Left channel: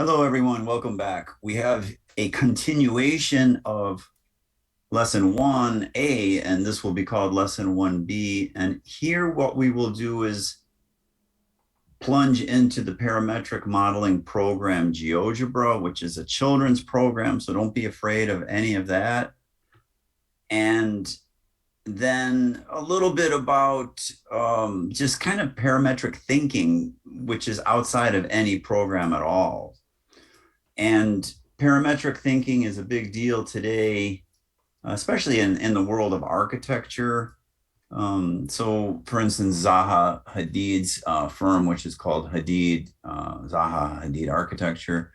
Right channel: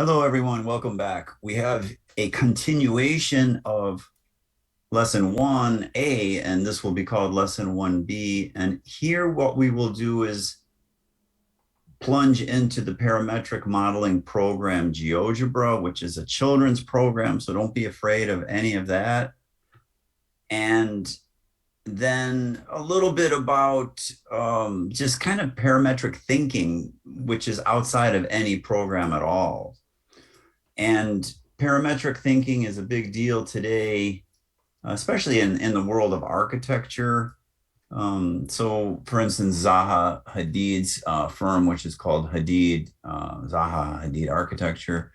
Hello, everyone. Welcome back. We have a continuation of lesson 1A, and this will be called lesson 1B. And here, what we will do is plunge into the parametric modeling program GeoGebra, which is a children's program. So don't be afraid of any of that. And then a little bit about just kind of parametric thinking, which is outside of any program at all. And parametric thinking is a big deal today, especially in the world of architecture. So, for instance, Zaha Hadid's firm, which is called Zaha Hadid Architecture,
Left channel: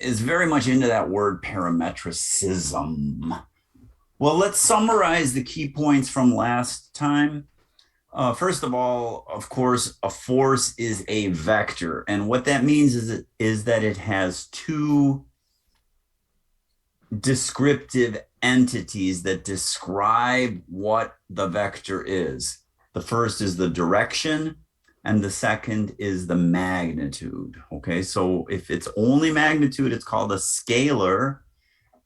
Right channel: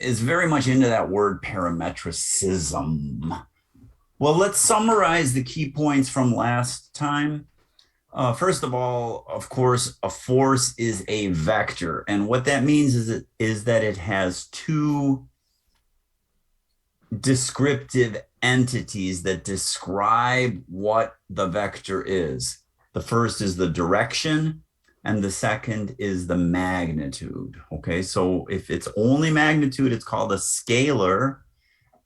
is very much into that word parametricism. Well, let's summarize the key points from last time. First of all, of course, a force is a vector. And what that means is that it has two descriptive entities that describe what the vector is. The first is the direction, and the second is the magnitude. Okay, so if it's only magnitude, it's called a scalar.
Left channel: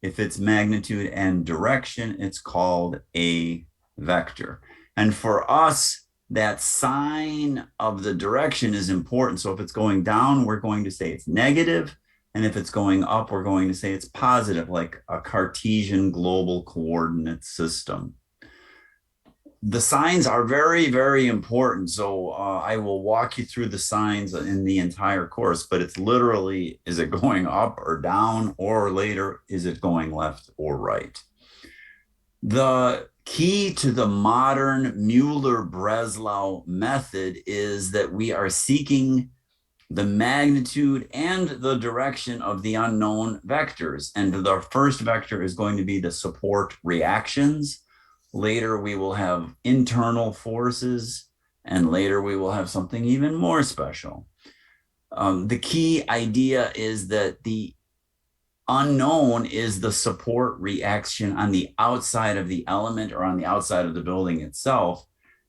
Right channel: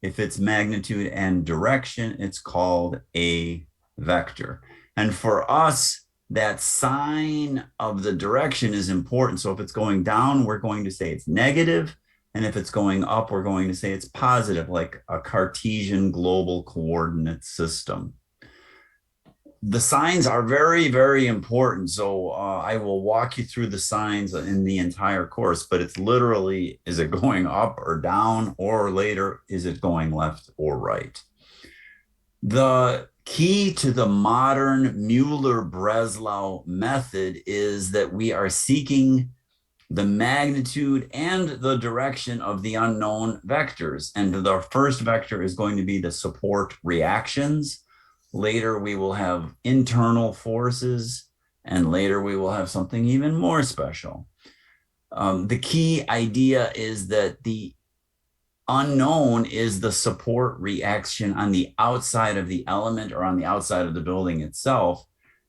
If it's magnitude and direction, it's called a vector. And for us, that sign of the direction is important. So if it's going down, we're going to say it's negative. And if it's going up, we're going to say it's positive, like a Cartesian global coordinate system. The signs are very, very important. So I will walk you through the signs in the entire course, but it's literally, is it going up or down, or later, is it going left or right? The key to the modern Muller-Breslau method is that we are seeking the magnitude and the direction of the unknown vectors. And the first vector is going to be the support reactions. Later, we will have internal forces, and later we will have something even more special. The key idea is that the unknown is the support reaction on the outside of the element or on the outside of the building itself.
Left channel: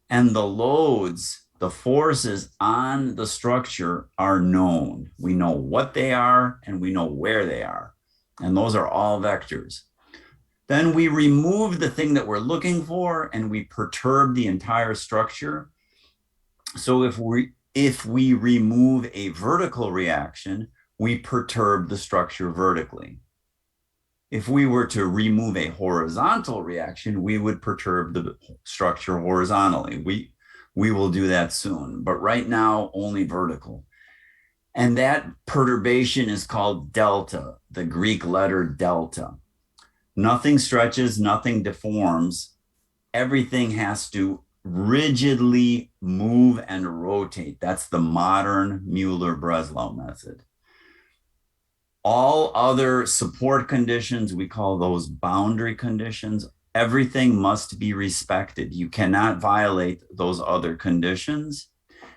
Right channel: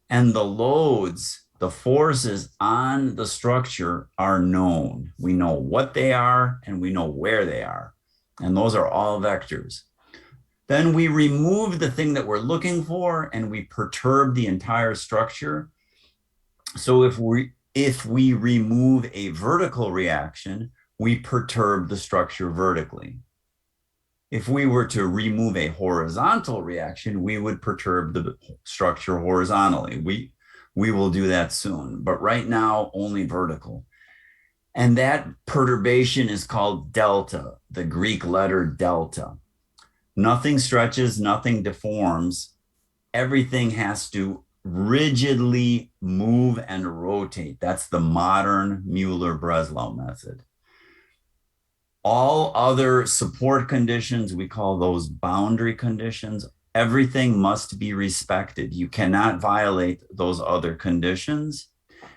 And the loads, the forces on the structure are known. We know what they are and we know where they are. And those are all vectors. Then we remove the thing that we're looking for and we perturb the entire structure. So if we remove a vertical reaction, we perturb the structure vertically. If we were to remove a horizontal reaction, we would perturb the structure horizontally. We will do that soon, but right now only vertical. And that perturbation is called delta, the Greek letter delta. Nothing stretches, nothing deforms. Everything has to rigidly move and rotate. That's the modern Muller-Breslau method. All other support conditions, we call those boundary conditions. Everything must be respected. You cannot violate those other conditions.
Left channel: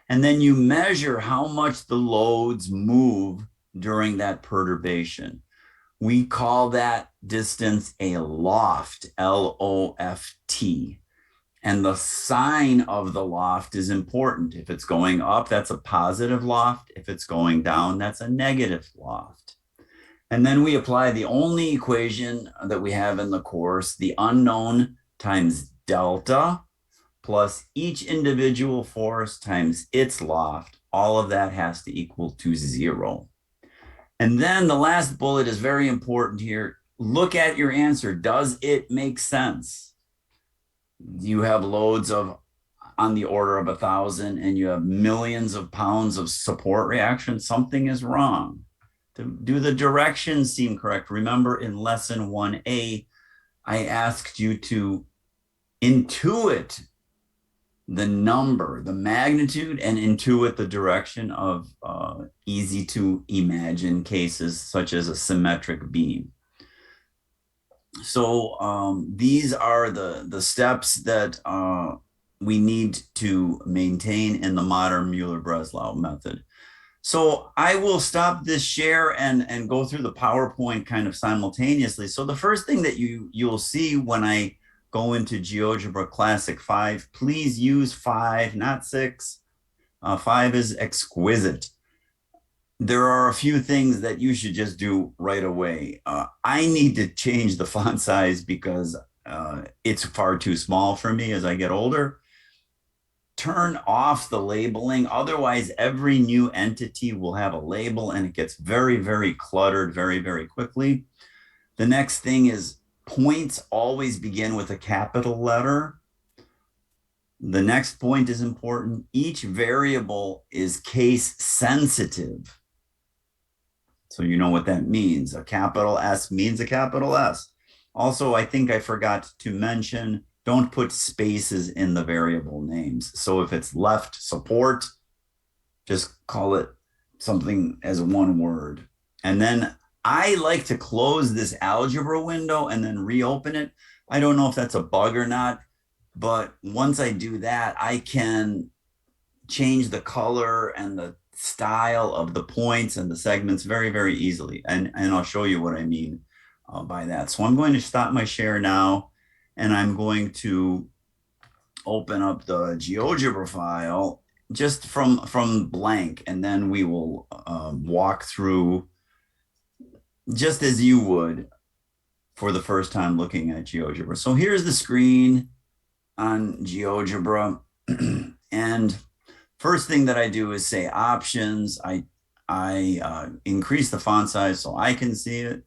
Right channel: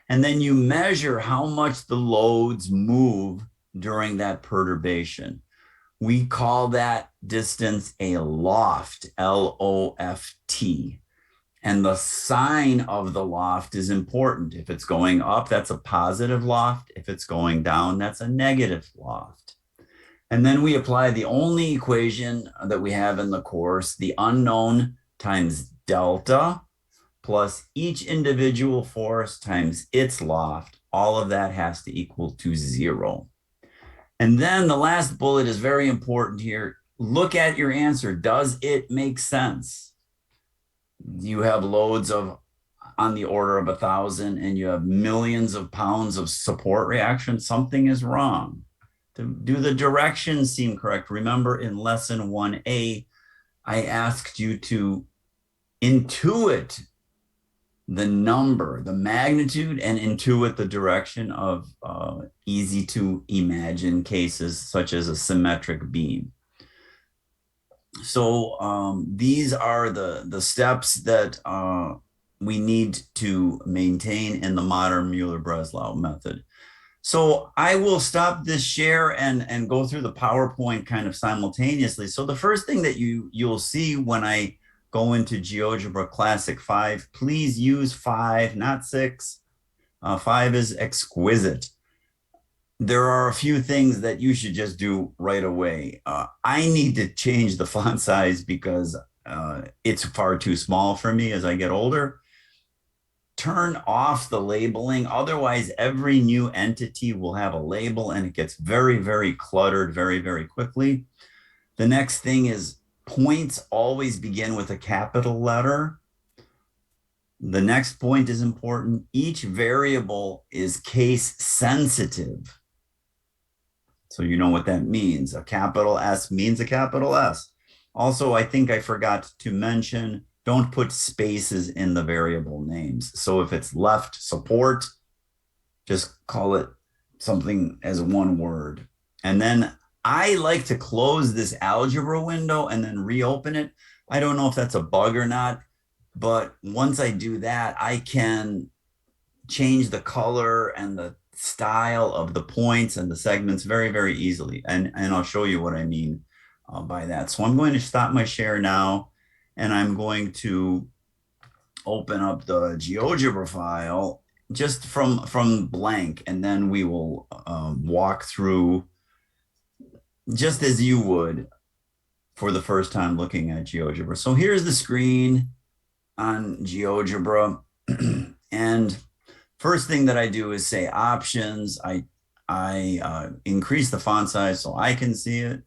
And then you measure how much the loads move during that perturbation. We call that distance a loft, L-O-F-T. And the sign of the loft is important. If it's going up, that's a positive loft. If it's going down, that's a negative loft. And then we apply the only equation that we have in the course, the unknown times delta plus each individual force times its loft. All of that has to equal to 0. And then the last bullet is very important here. Look at your answer. Does it make sense? You have loads of on the order of 1,000 and you have millions of pounds of support reaction. Something is wrong. Do the directions seem correct? Remember in lesson 1A, I asked you to intuit the number, the magnitude, and intuit the direction of easy to imagine cases such as a symmetric beam. So these are the steps that we need to maintain in the modern Muller-Breslau method. So I will stop this share and go through the PowerPoint kind of simultaneously. So the first thing that you'll see when I go into GeoGebra Classic 5, please use 5, not 6. 5 is exquisite. there are a few things that you should just do right away. I need to change the font size because it's far too small for me as I get older. Turn off the labeling. Otherwise, every new entity will have a label and it gets very, very cluttered very, very quickly. The next thing is points always begin with a capital letter. The next point is important. Each variable is case sensitive. So you know what that means. A capital S means a capital S. Also, I think I forgot to mention, don't put spaces in the variable names. So if it's left support, just call it something as one word. And then I like to close this algebra window and then reopen it. I don't know if that's a bug or not, but once I do that, I can change the color and the style of the points and the segments very, very easily. And I'll show you what I mean by that. So I'm going to stop my share now, and I'm going to open up the GeoGebra file just from blank, and then we will walk through just as you would for the first time looking at GeoGebra. So here's the screen on GeoGebra. And first thing that I do is say options. I increase the font size so I can see it,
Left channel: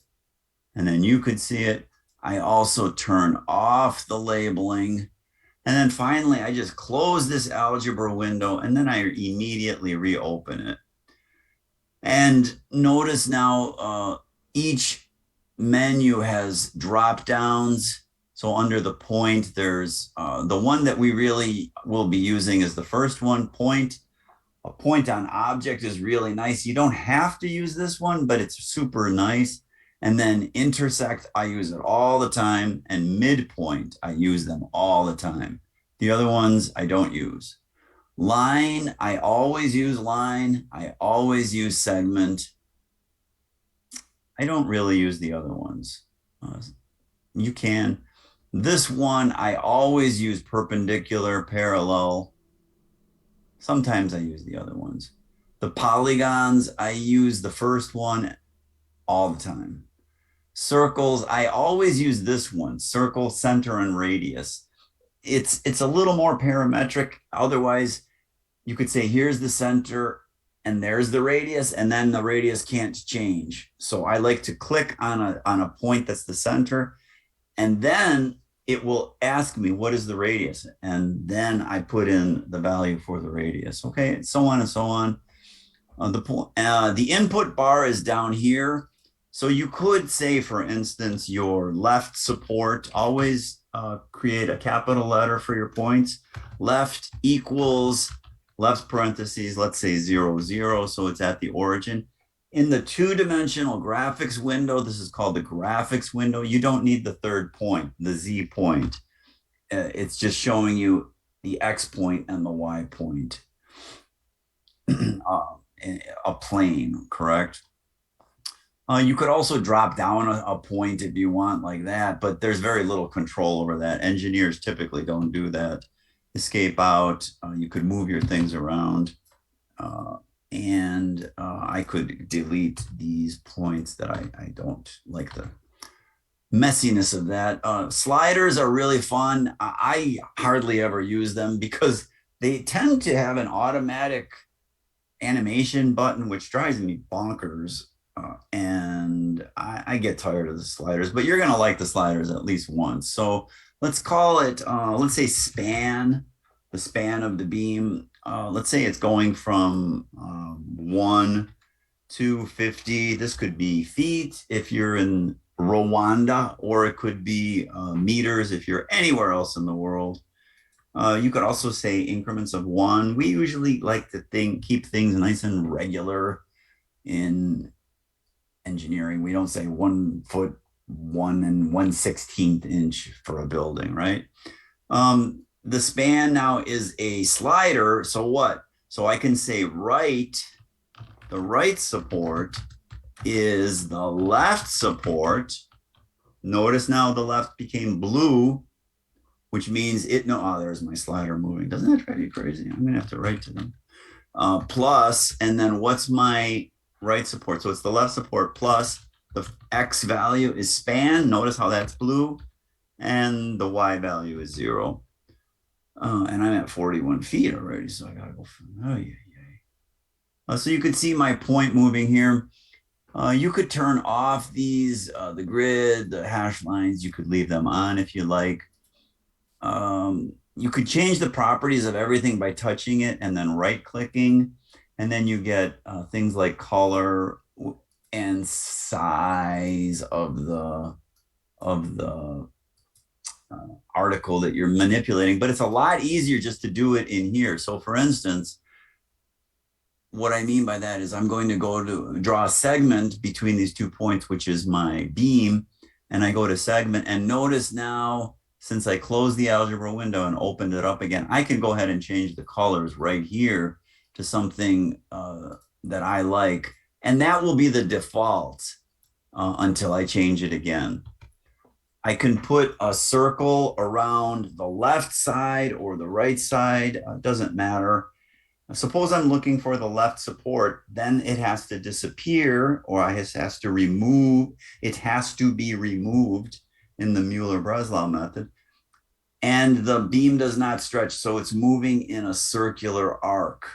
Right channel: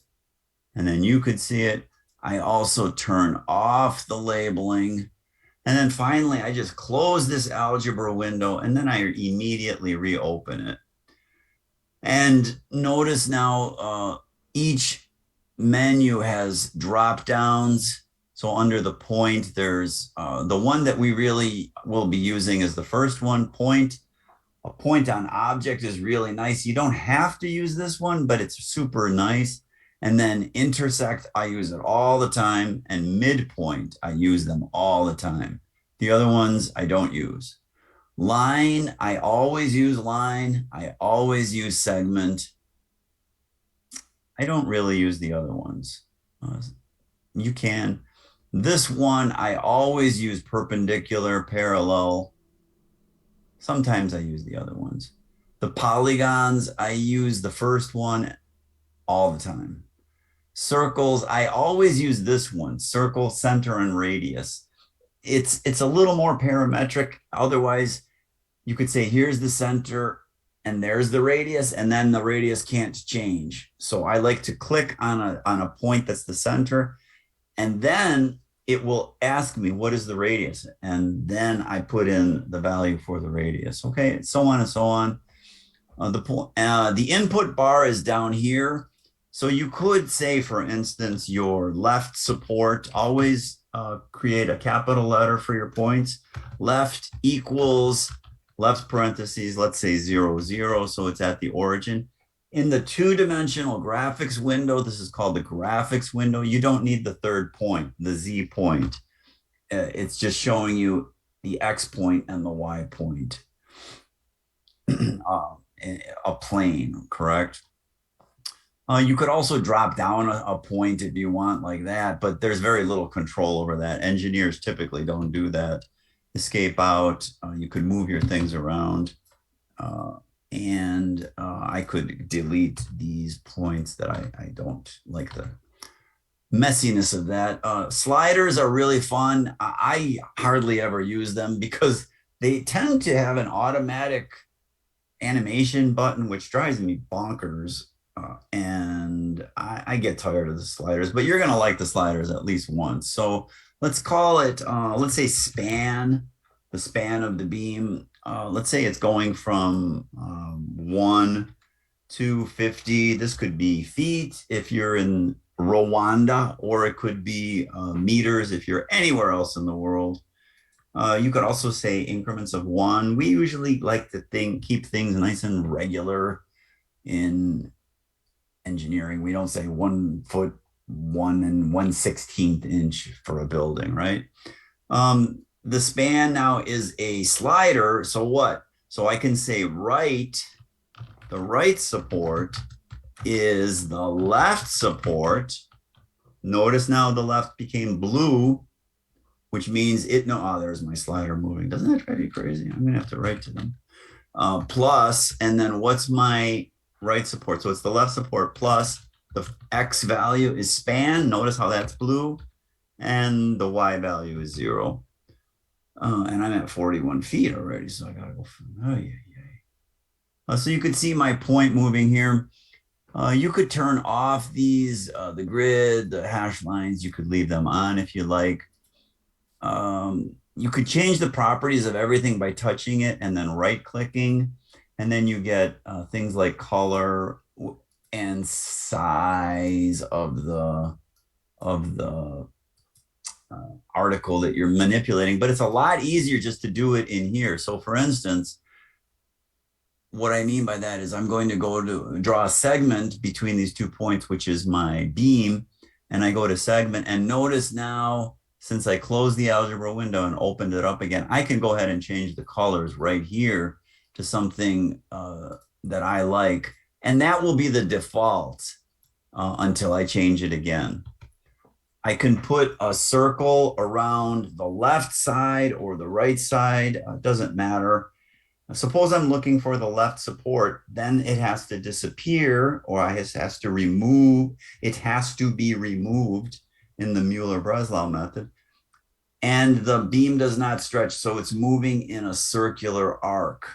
and then you could see it. I also turn off the labeling. And then finally, I just close this algebra window, and then I immediately reopen it. And notice now each menu has drop downs. So under the point, there's the one that we really will be using is the first one, point. A point on object is really nice. You don't have to use this one, but it's super nice. And then intersect, I use it all the time. And midpoint, I use them all the time. The other ones, I don't use. Line, I always use line. I always use segment. I don't really use the other ones. You can. This one, I always use perpendicular, parallel. Sometimes I use the other ones. The polygons, I use the first one all the time. Circles, I always use this one, circle, center, and radius. It's a little more parametric. Otherwise, you could say, here's the center, and there's the radius, and then the radius can't change. So I like to click on a point that's the center, and then it will ask me, what is the radius? And then I put in the value for the radius. Okay, so on and so on. The input bar is down here. So you could say, for instance, your left support, always create a capital letter for your points. Left equals, left parentheses, let's say 0, 0, so it's at the origin. In the two-dimensional graphics window, this is called the graphics window, you don't need the third point, the Z point. It's just showing you the X point and the Y point. A plane, correct? You could also drop down a point if you want like that, but there's very little control over that. Engineers typically don't do that. Escape out, you could move your things around. And I could delete these points that I don't like the messiness of that. Sliders are really fun. I hardly ever use them because they tend to have an automatic animation button, which drives me bonkers. And I get tired of the sliders, but you're going to like the sliders at least once. So let's call it, let's say span, the span of the beam. Let's say it's going from 1 to 50. This could be feet if you're in Rwanda, or it could be meters if you're anywhere else in the world. You could also say increments of 1. We usually like to keep things nice and regular in engineering. We don't say 1 foot 1 1/16 inch for a building, right? The span now is a slider. So what? So I can say right, the right support is the left support. Notice now the left became blue, which means there's my slider moving. Doesn't that drive you crazy? I'm gonna have to write to them. Plus, and then what's my right support. So it's the left support plus the X value is span. Notice how that's blue. And the Y value is 0. And I'm at 41 feet already, so I gotta go from, oh yeah, yeah. So you could see my point moving here. You could turn off these, the grid, the hash lines, you could leave them on if you like. You could change the properties of everything by touching it and then right clicking. And then you get things like color and size of the article that you're manipulating, but it's a lot easier just to do it in here. So for instance, what I mean by that is I'm going to go to draw a segment between these 2 points, which is my beam. And I go to segment, and notice now, since I closed the algebra window and opened it up again, I can go ahead and change the colors right here to something that I like. And that will be the default until I change it again. I can put a circle around the left side or the right side. It doesn't matter. Suppose I'm looking for the left support, then it has to disappear, or it has to remove. It has to be removed in the Muller-Breslau method. And the beam does not stretch, so it's moving in a circular arc.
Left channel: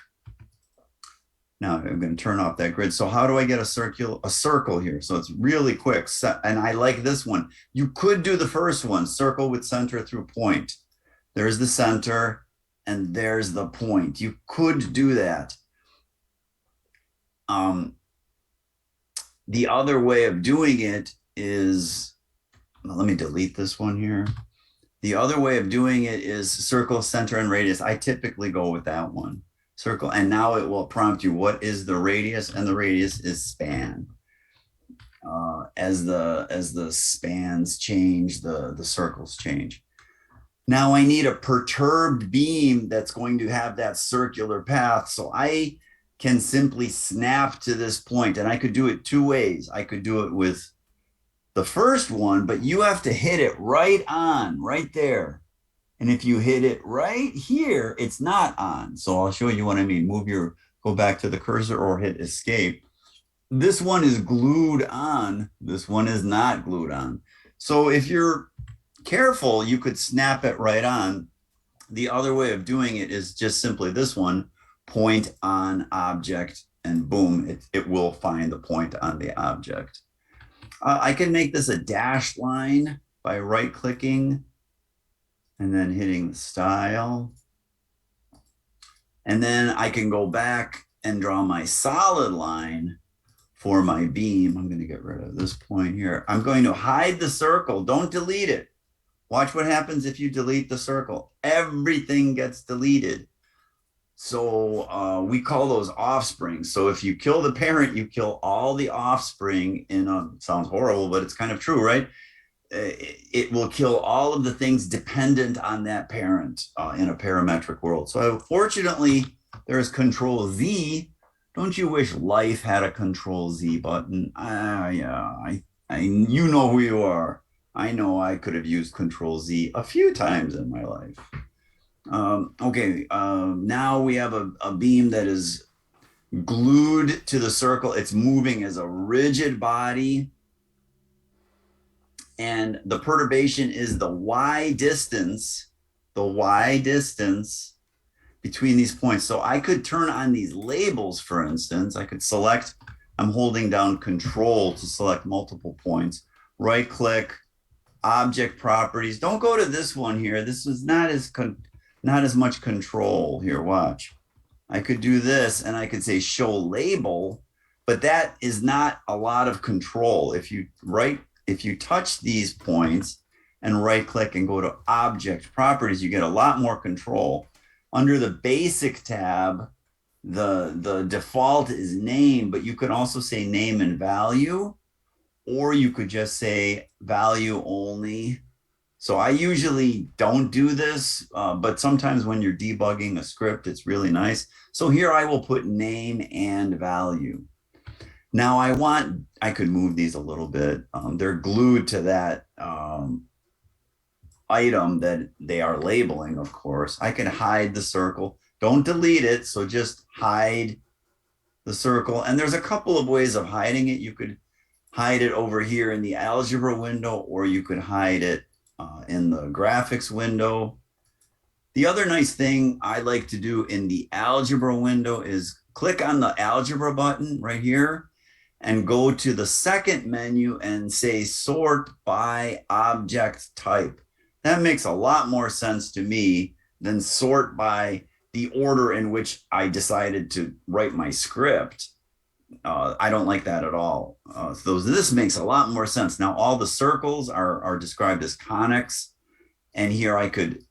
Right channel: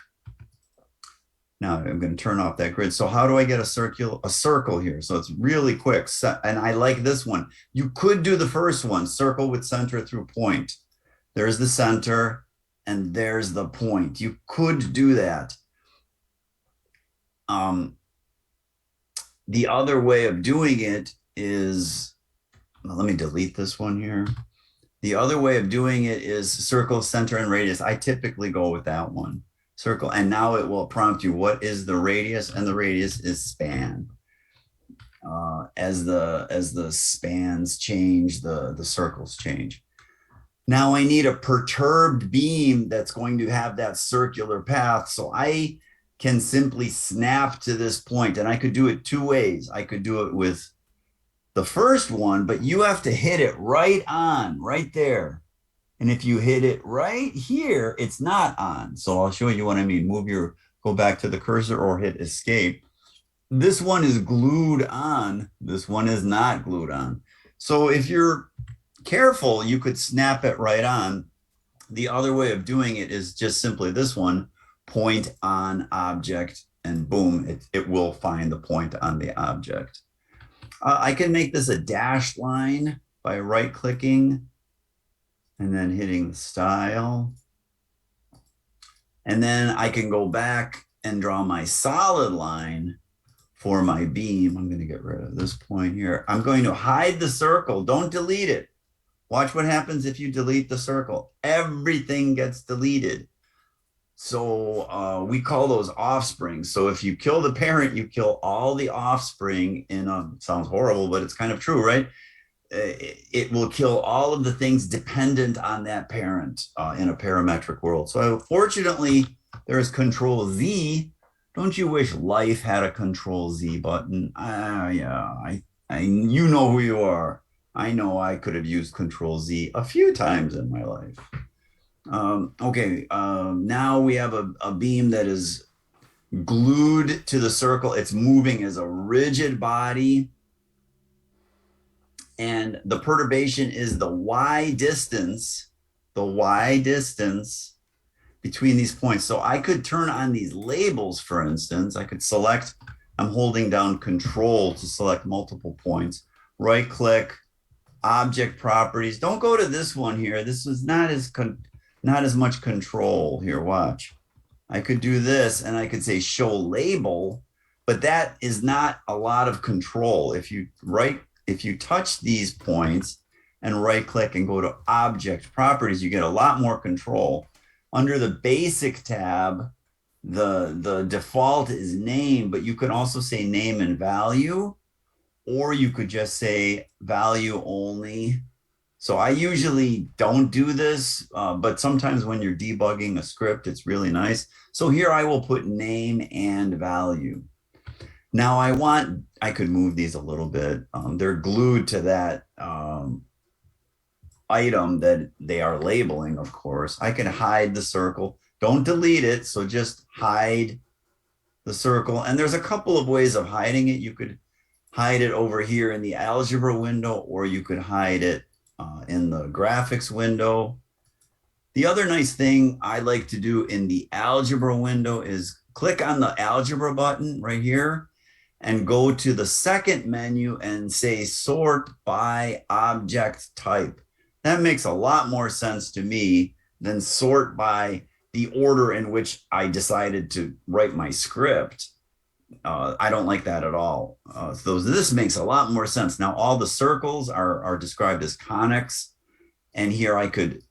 Now I'm going to turn off that grid. So how do I get a circle here? So it's really quick. And I like this one. You could do the first one, circle with center through point. There's the center and there's the point. You could do that. The other way of doing it is, let me delete this one here. The other way of doing it is circle, center, and radius. I typically go with that one. Circle, and now it will prompt you, what is the radius? And the radius is span. As the spans change, the circles change. Now I need a perturbed beam that's going to have that circular path. So I can simply snap to this point, and I could do it 2 ways. I could do it with the first one, but you have to hit it right on, right there. And if you hit it right here, it's not on. So I'll show you what I mean. Go back to the cursor or hit escape. This one is glued on. This one is not glued on. So if you're careful, you could snap it right on. The other way of doing it is just simply this one, point on object, and boom, it will find the point on the object. I can make this a dashed line by right clicking and then hitting style. And then I can go back and draw my solid line for my beam. I'm going to get rid of this point here. I'm going to hide the circle. Don't delete it. Watch what happens if you delete the circle. Everything gets deleted. So we call those offspring. So if you kill the parent, you kill all the offspring sounds horrible, but it's kind of true, right? It will kill all of the things dependent on that parent in a parametric world. So fortunately, there is Control Z. Don't you wish life had a Control Z button? Yeah, you know who you are. I know I could have used Control Z a few times in my life. Okay, now we have a beam that is glued to the circle. It's moving as a rigid body. And the perturbation is the y distance between these points. So I could turn on these labels, for instance. I could select, I'm holding down Control to select multiple points. Right click, object properties. Don't go to this one here. This is not as much control here. Watch. I could do this and I could say show label, but that is not a lot of control. If you touch these points and right click and go to object properties, you get a lot more control. Under the basic tab, the default is name, but you can also say name and value, or you could just say value only. So I usually don't do this, but sometimes when you're debugging a script, it's really nice. So here I will put name and value. Now I could move these a little bit. They're glued to that item that they are labeling, of course. I can hide the circle. Don't delete it, so just hide the circle. And there's a couple of ways of hiding it. You could hide it over here in the algebra window, or you could hide it in the graphics window. The other nice thing I like to do in the algebra window is click on the algebra button right here and go to the second menu and say sort by object type. That makes a lot more sense to me than sort by the order in which I decided to write my script. I don't like that at all. So this makes a lot more sense. Now all the circles are described as conics, and here I could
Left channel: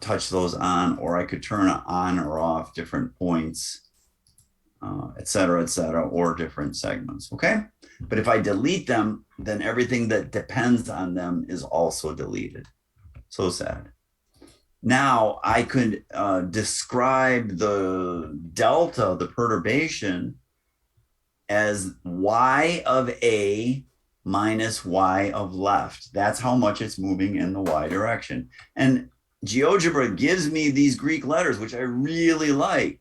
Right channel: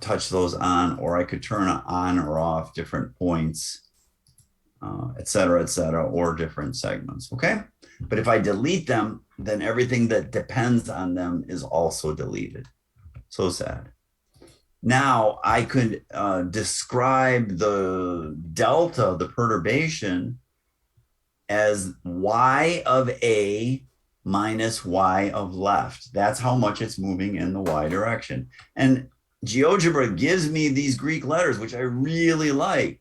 touch those on, or I could turn on or off different points, et cetera, or different segments, okay? But if I delete them, then everything that depends on them is also deleted. So sad. Now I could describe the delta, the perturbation, as y of a minus y of left. That's how much it's moving in the y direction. And GeoGebra gives me these Greek letters, which I really like.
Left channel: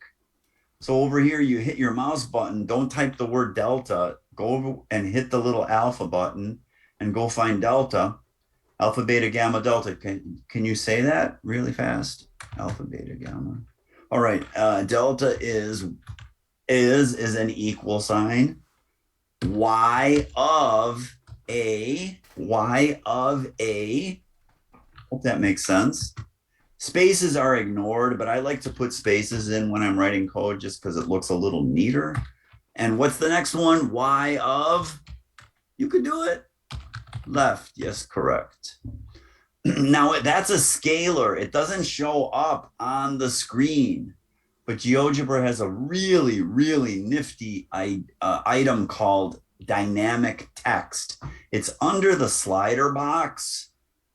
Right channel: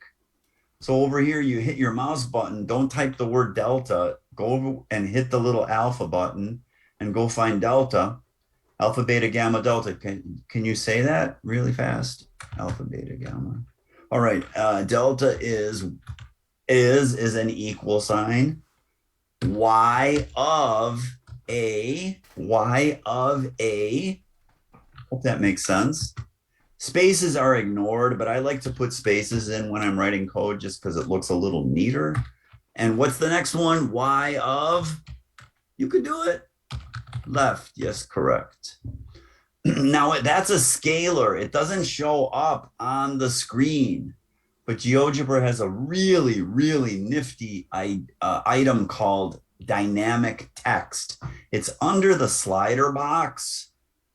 So over here, you hit your mouse button. Don't type the word delta. Go over and hit the little alpha button and go find delta. Alpha, beta, gamma, delta. Can you say that really fast? Alpha, beta, gamma. All right. Delta is an equal sign. Y of a. Hope that makes sense. Spaces are ignored, but I like to put spaces in when I'm writing code just because it looks a little neater. And what's the next one? Y of, you could do it. Left, yes, correct. Now that's a scalar. It doesn't show up on the screen, but GeoGebra has a really, really nifty item called dynamic text. It's under the slider box,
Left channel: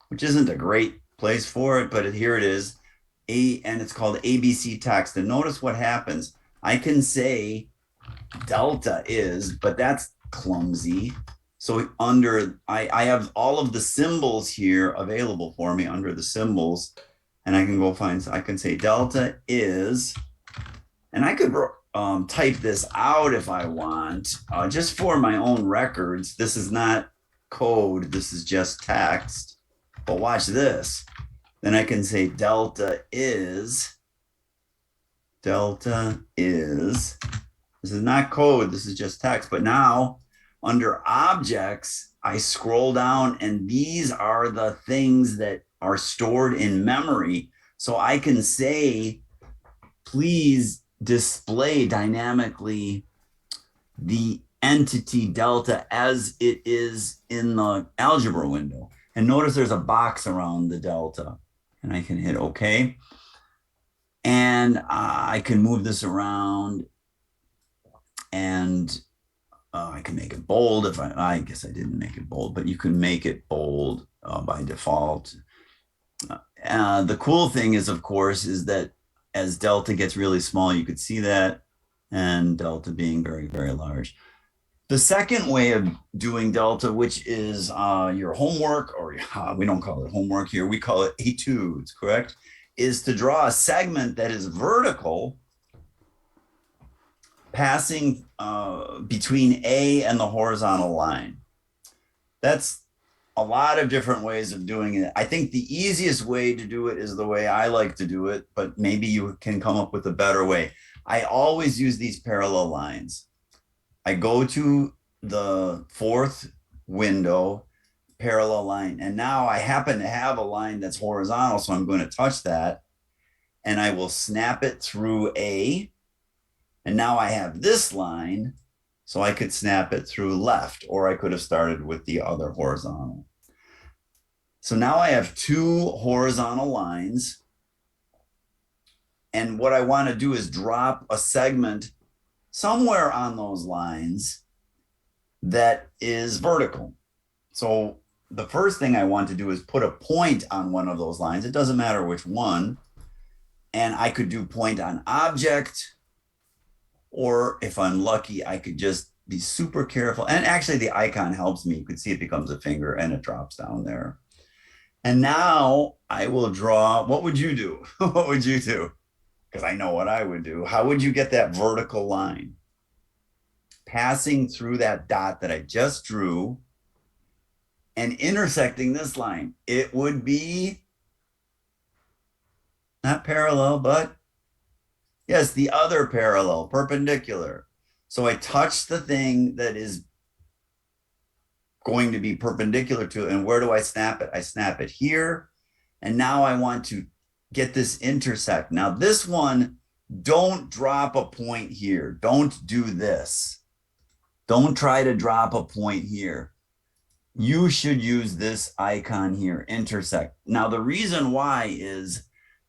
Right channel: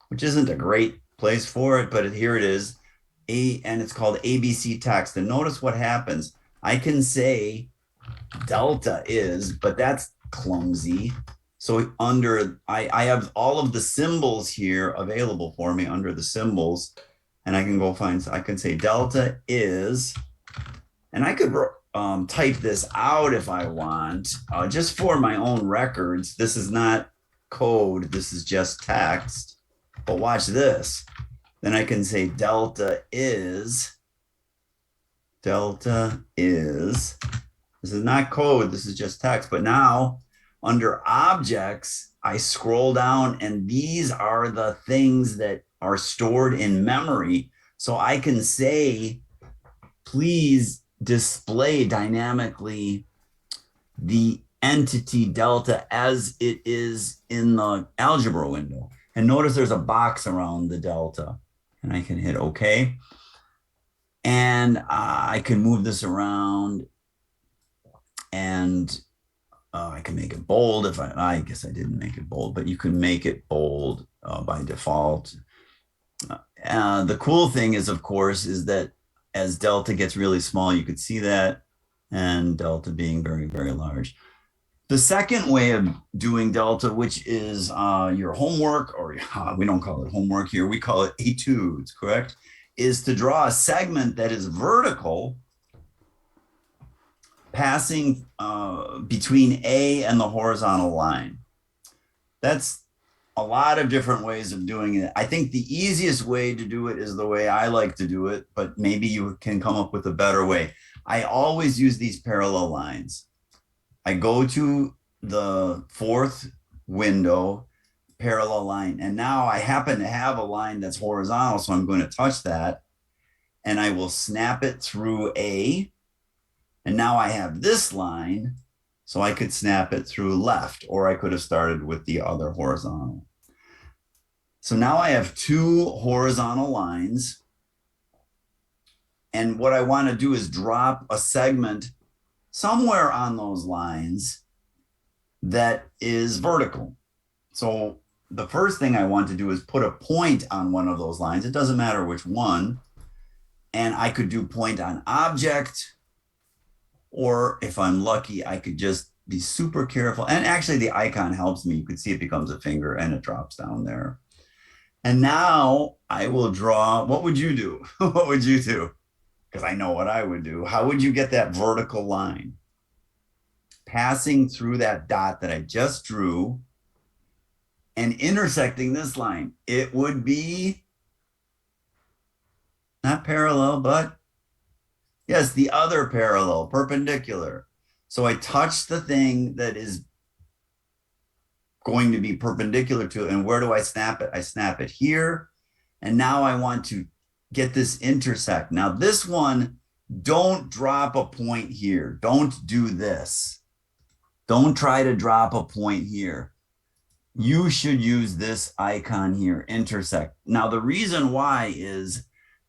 which isn't a great place for it, but here it is, and it's called ABC text. And notice what happens. I can say delta is, but that's clumsy. So under, I have all of the symbols here available for me under the symbols, and I can go find, I can say delta is, and I could type this out if I want, just for my own records. This is not code, this is just text. But watch this. Then I can say delta is, this is not code, this is just text. But now under objects, I scroll down and these are the things that are stored in memory. So I can say, please display dynamically the entity delta as it is in the algebra window. And notice there's a box around the delta, and I can hit OK. And I can move this around, and I can make it bold if I guess I didn't make it bold, but you can make it bold by default. The cool thing is, of course, is that as delta gets really small, you could see that, and delta being very, very large. The second way of doing delta, which is your homework, or we don't call it homework here, we call it etudes, correct? Is to draw a segment that is vertical, passing between A and the horizontal line. That's a lot of different ways of doing it. I think the easiest way to do it is the way I like to do it, but maybe you can come up with a better way. I always use these parallel lines. I go to the fourth window, parallel line, and now I happen to have a line that's horizontal, so I'm going to touch that, and I will snap it through A, and now I have this line, so I could snap it through left, or I could have started with the other horizontal. So now I have two horizontal lines, and what I want to do is drop a segment somewhere on those lines that is vertical. So the first thing I want to do is put a point on one of those lines. It doesn't matter which one. And I could do point on object, or if I'm lucky, I could just be super careful. And actually the icon helps me. You can see it becomes a finger and it drops down there. And now I will draw, what would you do? What would you do? Because I know what I would do. How would you get that vertical line? passing through that dot that I just drew and intersecting this line. It would be not parallel, but yes, the other parallel, perpendicular. So I touch the thing that is going to be perpendicular to it. And where do I snap it? I snap it here. And now I want to get this intersect. Now this one, don't drop a point here. Don't do this. Don't try to drop a point here. You should use this icon here, intersect. Now the reason why is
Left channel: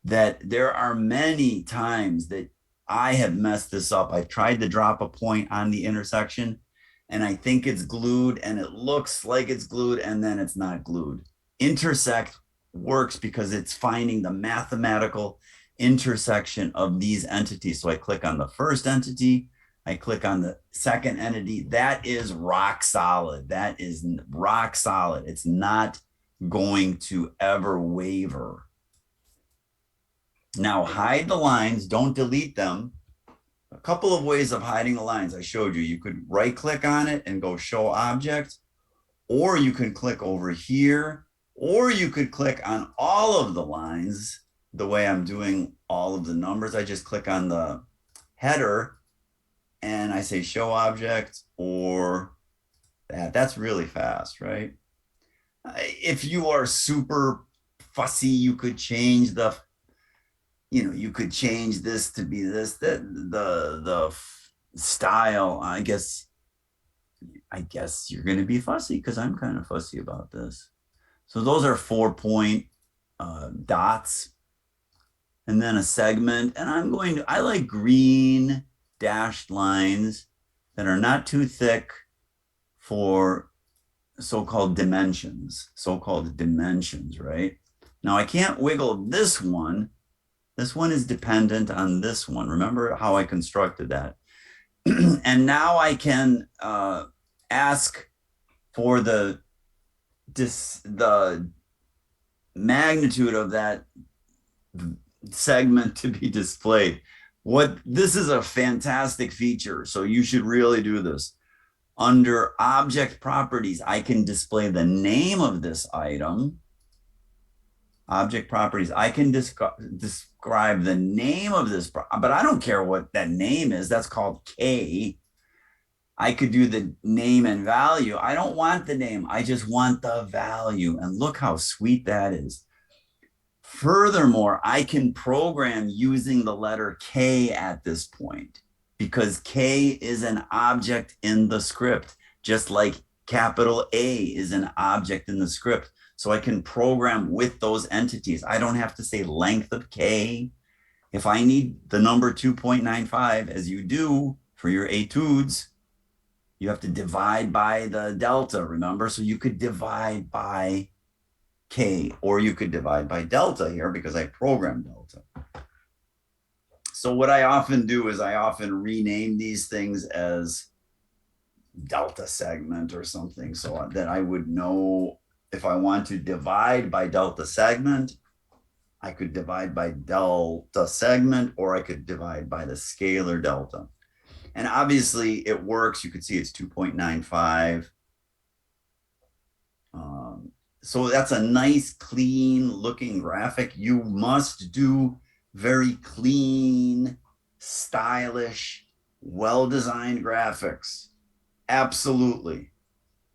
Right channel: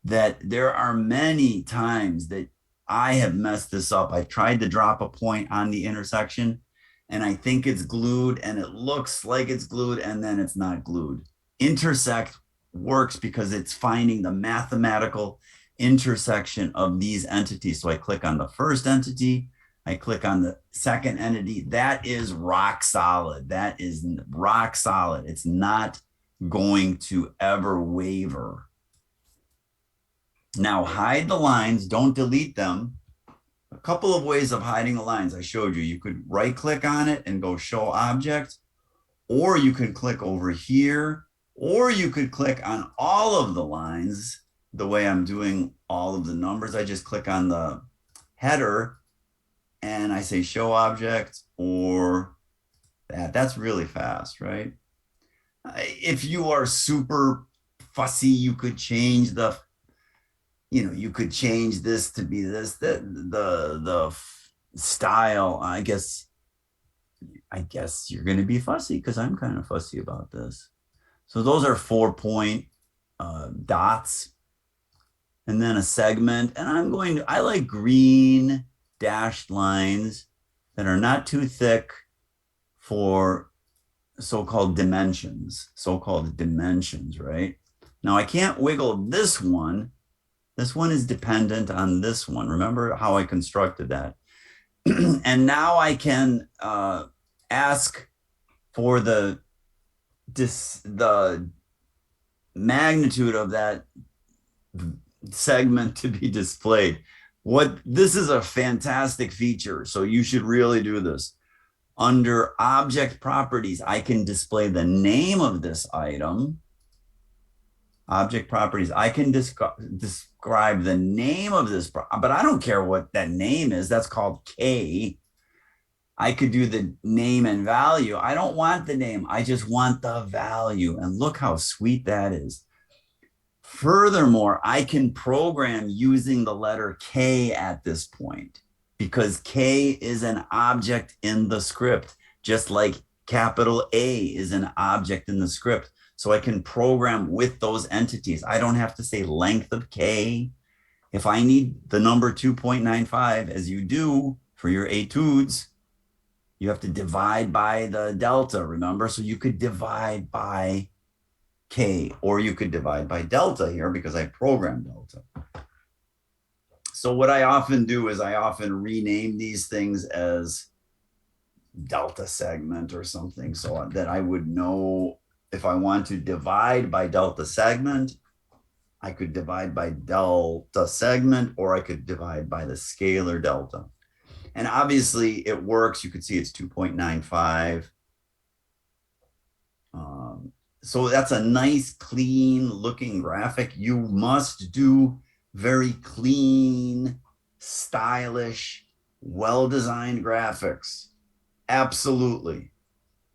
that there are many times that I have messed this up. I've tried to drop a point on the intersection and I think it's glued and it looks like it's glued and then it's not glued. Intersect works because it's finding the mathematical intersection of these entities. So I click on the first entity, I click on the second entity. That is rock solid. That is rock solid. It's not going to ever waver. Now hide the lines, don't delete them. A couple of ways of hiding the lines I showed you. You could right click on it and go show object, or you could click over here, or you could click on all of the lines the way I'm doing all of the numbers. I just click on the header and I say show object or that. That's really fast, right? If you are super fussy, you could change the, you could change this to be this, the style. I guess you're going to be fussy because I'm kind of fussy about this. So those are 4-point dots and then a segment. And I like green dashed lines that are not too thick for so-called dimensions, right? Now I can't wiggle this one. This one is dependent on this one. Remember how I constructed that? And now I can ask for the magnitude of that segment to be displayed. This is a fantastic feature, so you should really do this. Under object properties, I can display the name of this item. Object properties, I can describe the name of this, but I don't care what that name is. That's called K. I could do the name and value. I don't want the name. I just want the value. And look how sweet that is. Furthermore, I can program using the letter K at this point because K is an object in the script, just like capital A is an object in the script. So I can program with those entities. I don't have to say length of K. If I need the number 2.95, as you do for your etudes, you have to divide by the delta, remember? So you could divide by K, or you could divide by delta here because I programmed delta. So what I often do is I often rename these things as delta segment or something so that I would know if I want to divide by delta segment, I could divide by delta segment, or I could divide by the scalar delta. And obviously it works. You could see it's 2.95. So that's a nice, clean looking graphic. You must do very clean, stylish, well-designed graphics. Absolutely.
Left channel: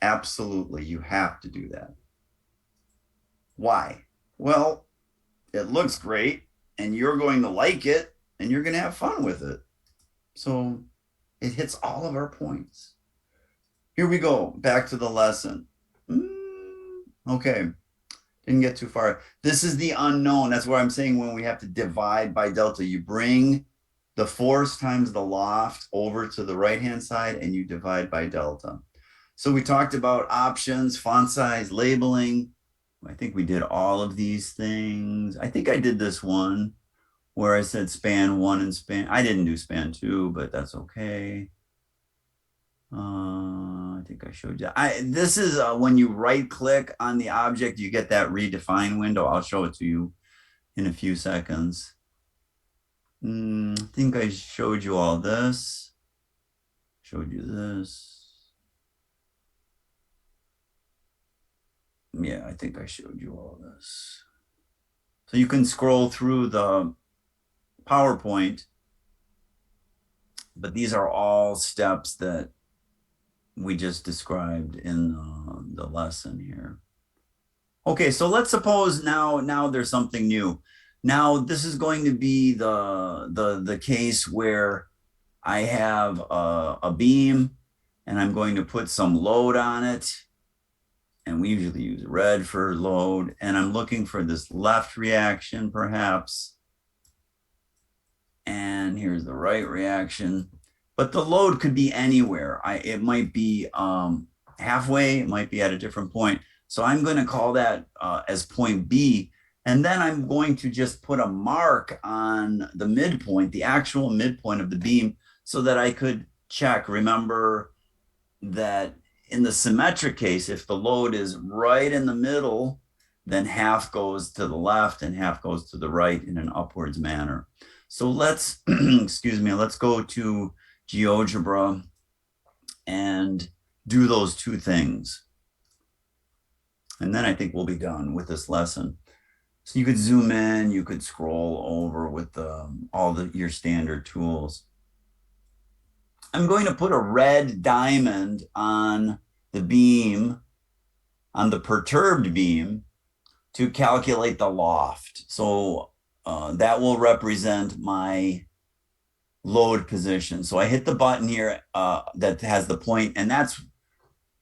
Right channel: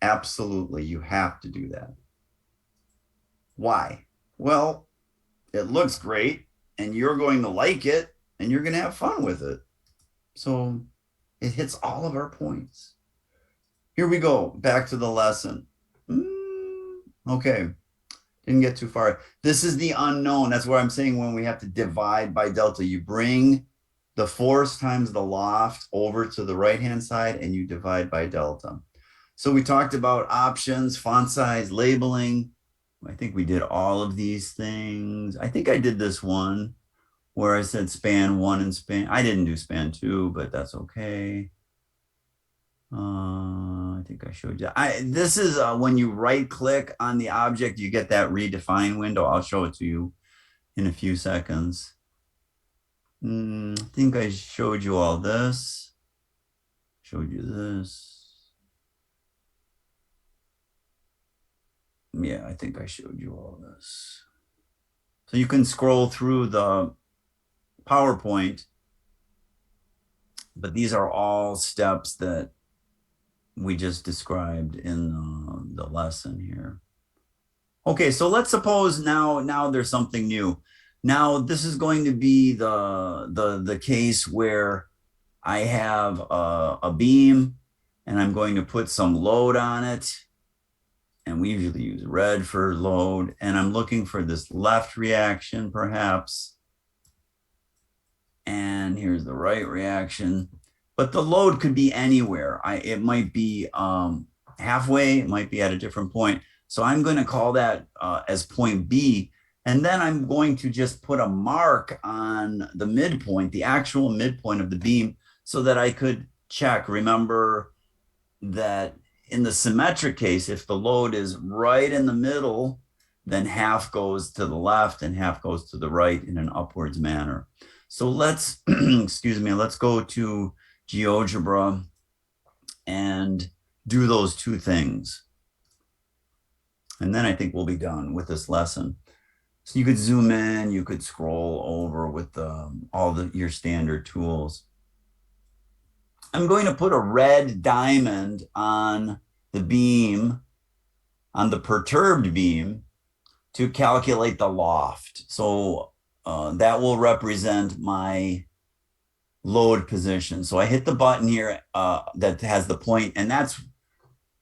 Absolutely. You have to do that. Why? Well, it looks great and you're going to like it and you're going to have fun with it. So it hits all of our points. Here we go. Back to the lesson. Okay. Didn't get too far. This is the unknown. That's what I'm saying when we have to divide by delta. You bring the force times the loft over to the right-hand side and you divide by delta. So we talked about options, font size, labeling. I think we did all of these things. I think I did this one where I said span 1 and span. I didn't do span 2, but that's okay. I think I showed you. This is when you right click on the object, you get that redefine window. I'll show it to you in a few seconds. I think I showed you all this. showed you this. Yeah, I think I showed you all this. So you can scroll through the PowerPoint, but these are all steps that we just described in the lesson here. Okay, so let's suppose now there's something new. Now this is going to be the case where I have a beam and I'm going to put some load on it. And we usually use red for load. And I'm looking for this left reaction perhaps. And here's the right reaction. But the load could be anywhere. It might be halfway, it might be at a different point. So I'm going to call that as point B. And then I'm going to just put a mark on the midpoint, the actual midpoint of the beam, so that I could check. Remember that in the symmetric case, if the load is right in the middle, then half goes to the left and half goes to the right in an upwards manner. So let's, excuse me, let's go to GeoGebra and do those two things. And then I think we'll be done with this lesson. So you could zoom in, you could scroll over with all your standard tools. I'm going to put a red diamond on the beam, on the perturbed beam, to calculate the loft. So that will represent my load position. So I hit the button here that has the point, and that's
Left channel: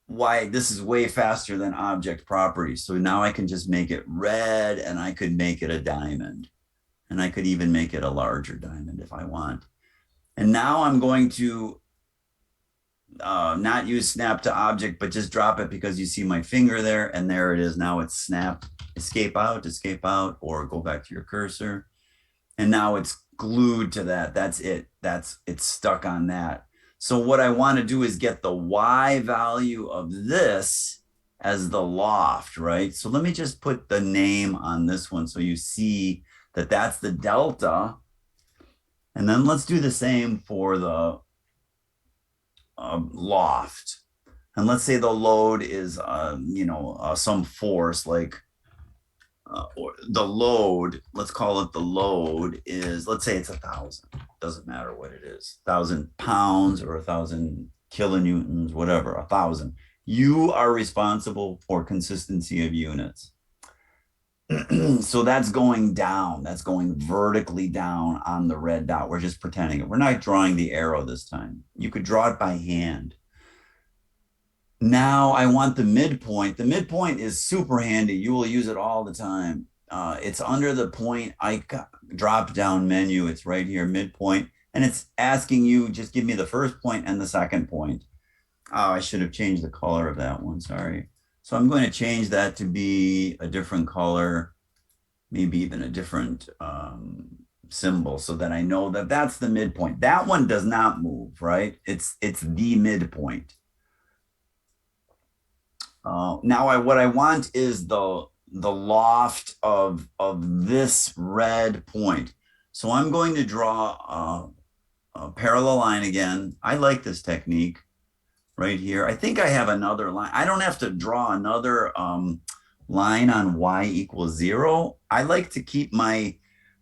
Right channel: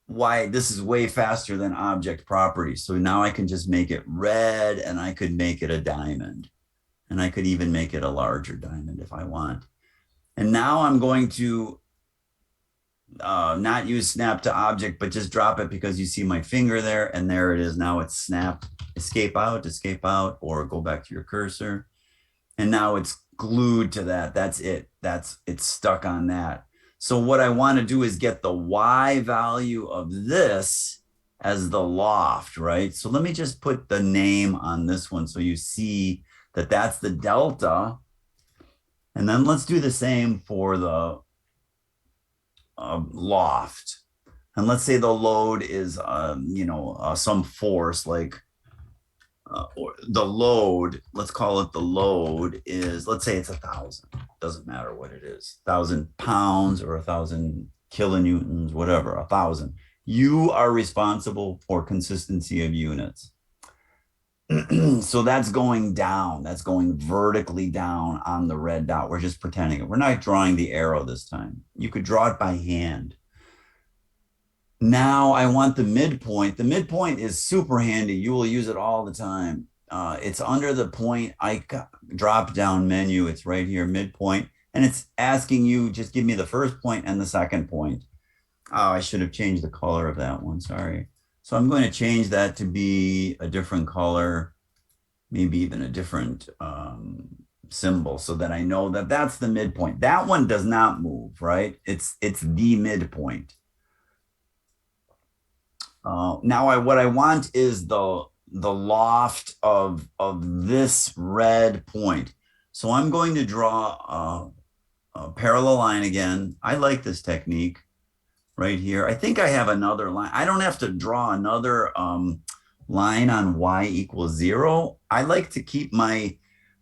why this is way faster than object properties. So now I can just make it red, and I could make it a diamond. And I could even make it a larger diamond if I want. And now I'm going to not use snap to object, but just drop it because you see my finger there, and there it is. Now it's snap, escape out, or go back to your cursor. And now it's glued to that. That's it. It's stuck on that. So what I want to do is get the Y value of this as the loft, right? So let me just put the name on this one so you see that that's the delta. And then let's do the same for the loft. And let's say the load is, some force like, or the load, let's call it the load is, let's say it's 1,000. Doesn't matter what it is, 1,000 pounds or 1,000 kilonewtons, whatever, 1,000. You are responsible for consistency of units. So that's going down. That's going vertically down on the red dot. We're just pretending it. We're not drawing the arrow this time. You could draw it by hand. Now I want the midpoint. The midpoint is super handy. You will use it all the time. It's under the point icon, drop down menu. It's right here, midpoint. And it's asking you, just give me the first point and the second point. Oh, I should have changed the color of that one. Sorry. So I'm going to change that to be a different color, maybe even a different symbol, so that I know that that's the midpoint. That one does not move, right? It's the midpoint. Now what I want is the loft of this red point. So I'm going to draw a parallel line again. I like this technique right here. I think I have another line. I don't have to draw another line on y equals 0. I like to keep my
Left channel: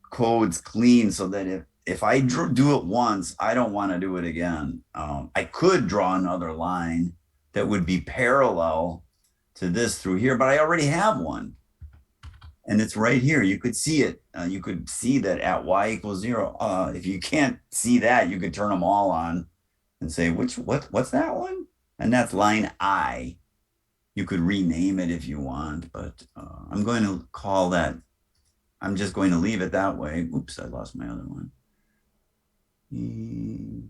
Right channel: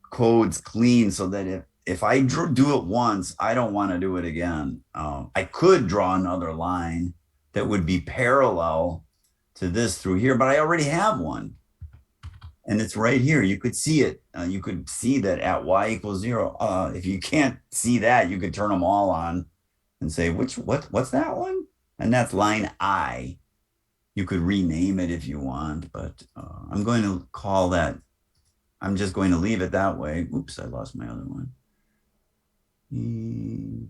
codes clean so that if I do it once, I don't want to do it again. I could draw another line that would be parallel to this through here, but I already have one. And it's right here. You could see it. You could see that at y equals 0. If you can't see that, you could turn them all on and say, what's that one? And that's line I. You could rename it if you want, but I'm going to call that, I'm just going to leave it that way. Oops, I lost my other one.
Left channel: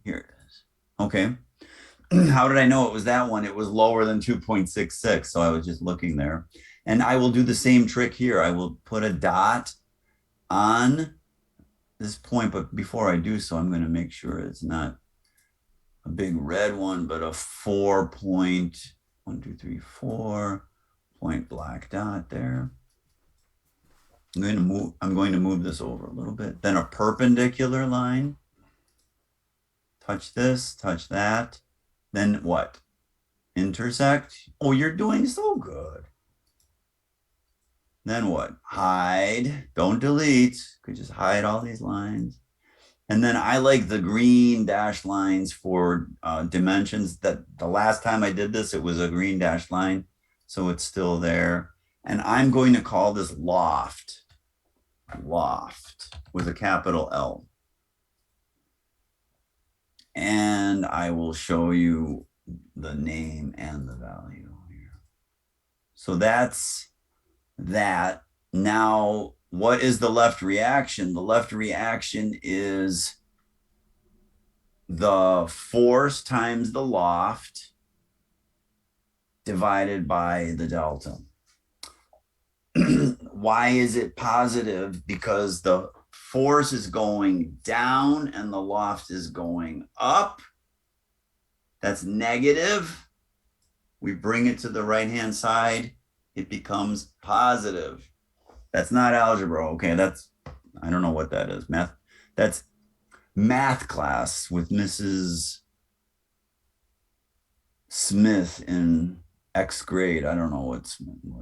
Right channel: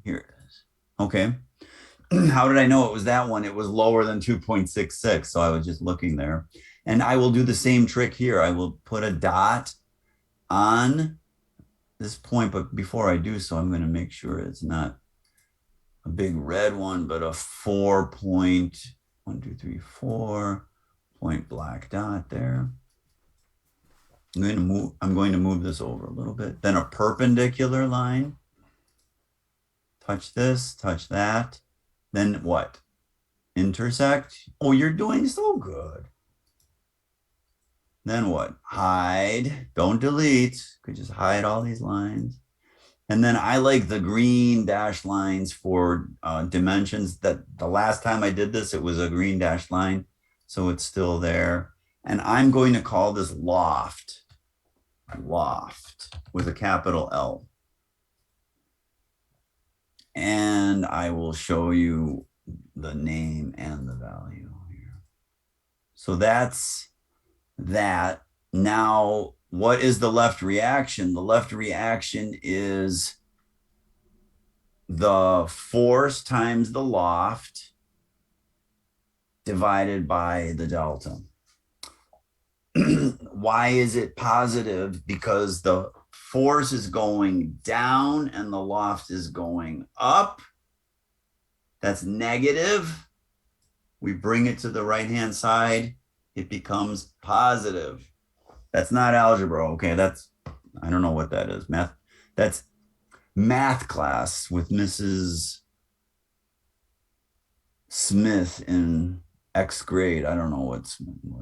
Here it is. Okay. How did I know it was that one? It was lower than 2.66. So I was just looking there. And I will do the same trick here. I will put a dot on this point, but before I do so, I'm going to make sure it's not a big red one, but a 4.1, 2, 3, 4 point black dot there. I'm going to move this over a little bit. Then a perpendicular line. Touch this, touch that. Then what? Intersect. Oh, you're doing so good. Then what? Hide. Don't delete. Could just hide all these lines. And then I like the green dashed lines for dimensions. That the last time I did this, it was a green dashed line. So it's still there. And I'm going to call this loft. Loft with a capital L. And I will show you the name and the value here. So that's that. Now, what is the left reaction? The left reaction is the force times the loft divided by the delta. Why is it positive? Because the force is going down and the loft is going up. That's negative. We bring it to the right-hand side. It becomes positive. That's not algebra. Okay, that's, I don't know what that is. Math. That's math class with Mrs. Smith in X grade. I don't know what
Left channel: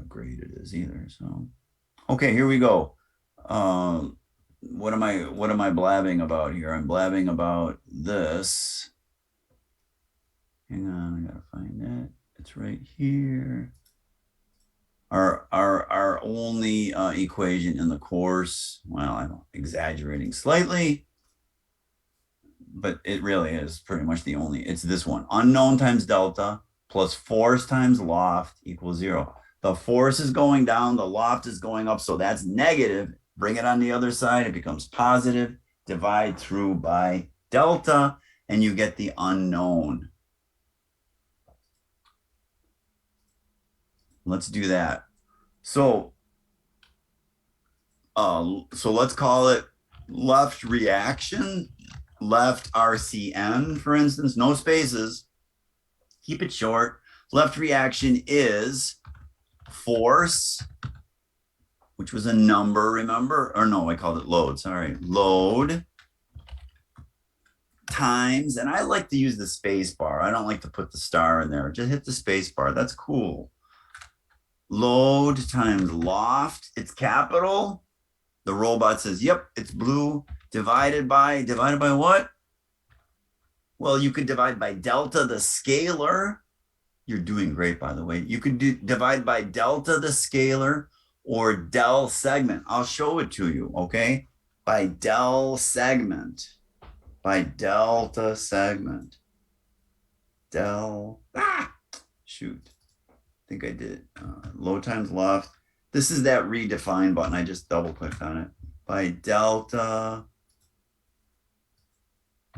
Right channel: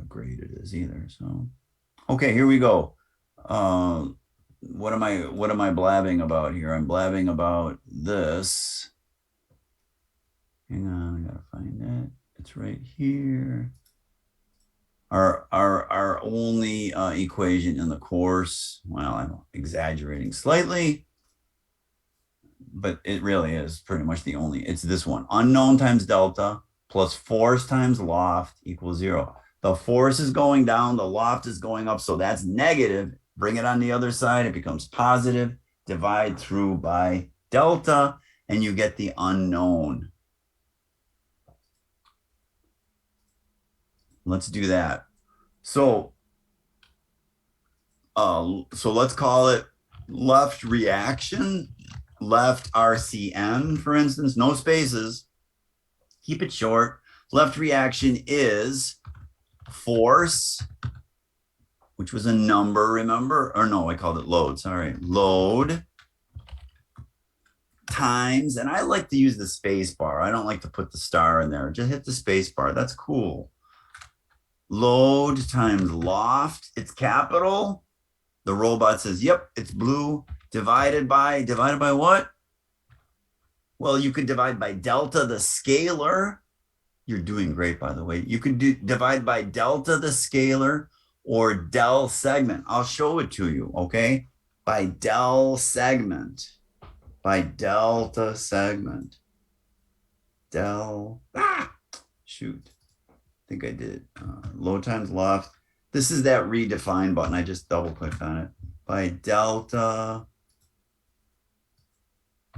grade it is either. So, okay, here we go. What am I blabbing about here? I'm blabbing about this. Hang on, I gotta find it. It's right here. Our only equation in the course. Well, I'm exaggerating slightly, but it really is pretty much the only. It's this one: unknown times delta plus force times loft equals 0. The force is going down, the loft is going up, so that's negative. Bring it on the other side, it becomes positive. Divide through by delta, and you get the unknown. Let's do that. So let's call it left reaction, left RCN, for instance, no spaces. Keep it short. Left reaction is force, which was a number, remember? Or no, I called it load, sorry. Load times, and I like to use the space bar. I don't like to put the star in there. Just hit the space bar. That's cool. Load times loft. It's capital. The robot says, yep, it's blue. Divided by what? Well, you could divide by delta, the scalar. You're doing great, by the way. You could divide by delta, the scalar, or del segment. I'll show it to you, okay? By del segment. By delta segment. Shoot. I think I did. Load times loft. This is that redefine button. I just double clicked on it. By delta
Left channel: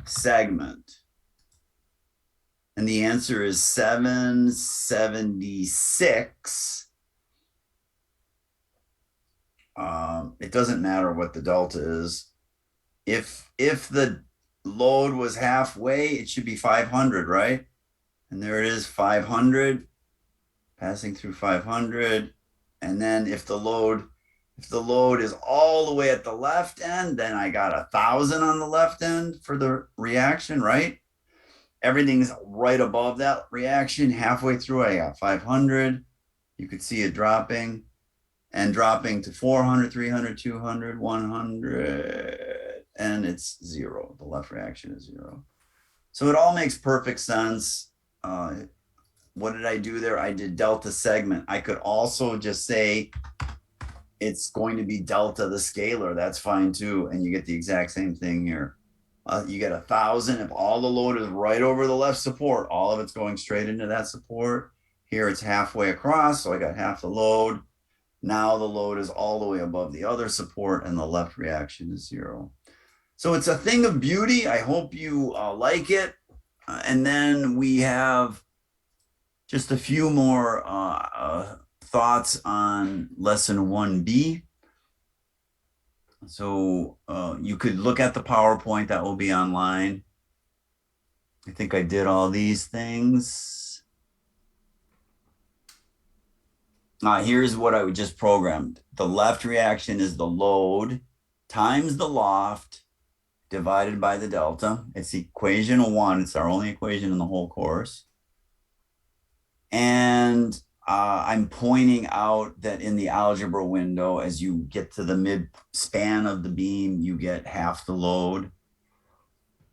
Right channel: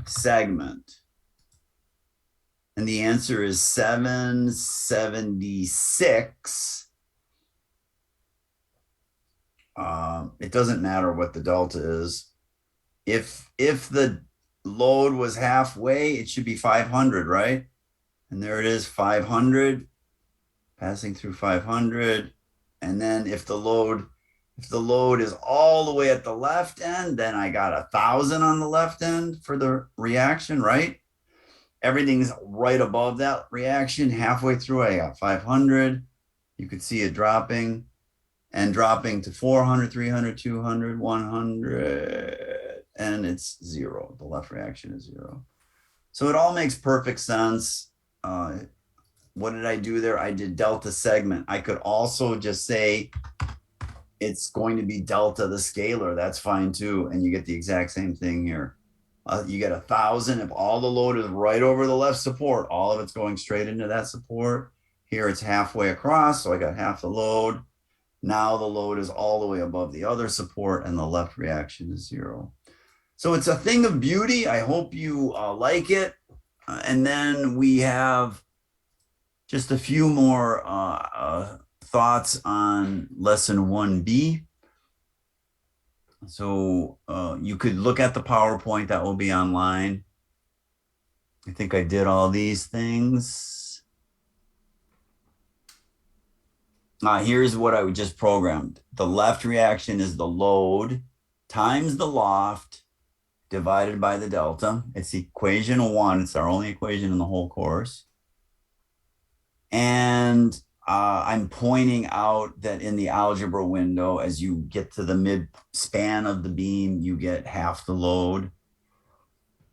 segment. And the answer is 776. It doesn't matter what the delta is. If the load was halfway, it should be 500, right? And there it is, 500, passing through 500. And then if the load is all the way at the left end, then I got 1,000 on the left end for the reaction, right? Everything's right above that reaction. Halfway through, I got 500. You could see it dropping and dropping to 400, 300, 200, 100, and it's 0. The left reaction is 0. So it all makes perfect sense. What did I do there? I did delta segment. I could also just say it's going to be delta the scalar. That's fine too. And you get the exact same thing here. You get 1,000 if all the load is right over the left support. All of it's going straight into that support. Here it's halfway across, so I got half the load. Now the load is all the way above the other support, and the left reaction is 0. So it's a thing of beauty. I hope you like it. And then we have just a few more thoughts on lesson 1B. So you could look at the PowerPoint that will be online. I think I did all these things. Here's what I just programmed. The left reaction is the load times the loft divided by the delta. It's equation 1. It's our only equation in the whole course. And I'm pointing out that in the algebra window, as you get to the mid span of the beam, you get half the load.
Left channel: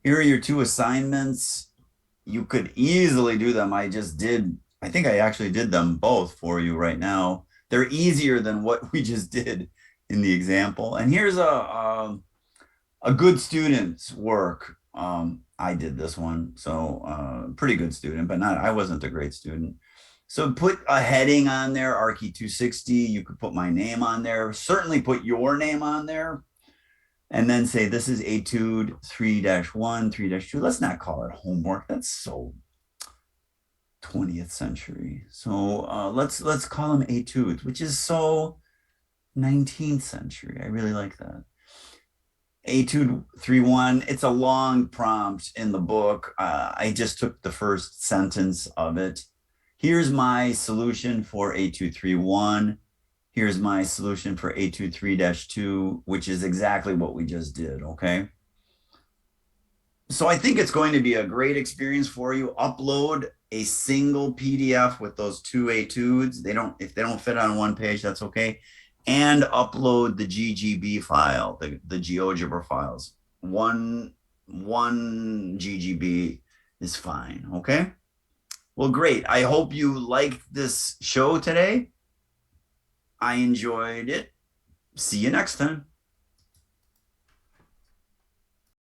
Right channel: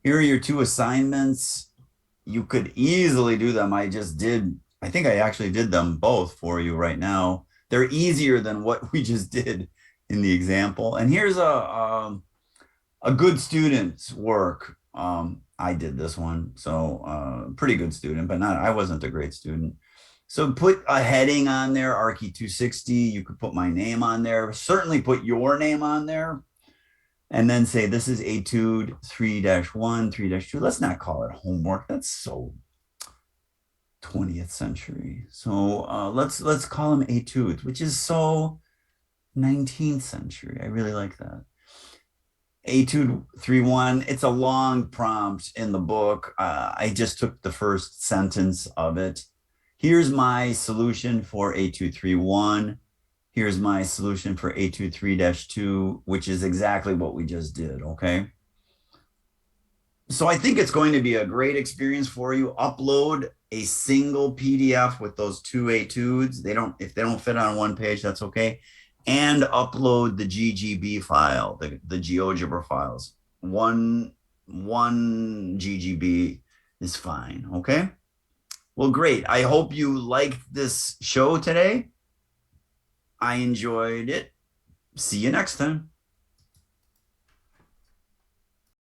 Here are your two assignments. You could easily do them. I think I actually did them both for you right now. They're easier than what we just did in the example. And here's a good student's work. I did this one, so pretty good student, but I wasn't a great student. So put a heading on there, Archie 260. You could put my name on there. Certainly put your name on there. And then say this is etude 3-1, 3-2. Let's not call it homework. That's so 20th century. So let's call them etudes, which is so 19th century. I really like that. Etude 3-1. It's a long prompt in the book. I just took the first sentence of it. Here's my solution for etude 3-1. Here's my solution for etude 3-2, which is exactly what we just did, okay? So I think it's going to be a great experience for you. Upload a single PDF with those two etudes. If they don't fit on one page, that's okay. And upload the GGB file, the GeoGebra files. One GGB is fine, okay? Well, great. I hope you liked this show today. I enjoyed it. See you next time.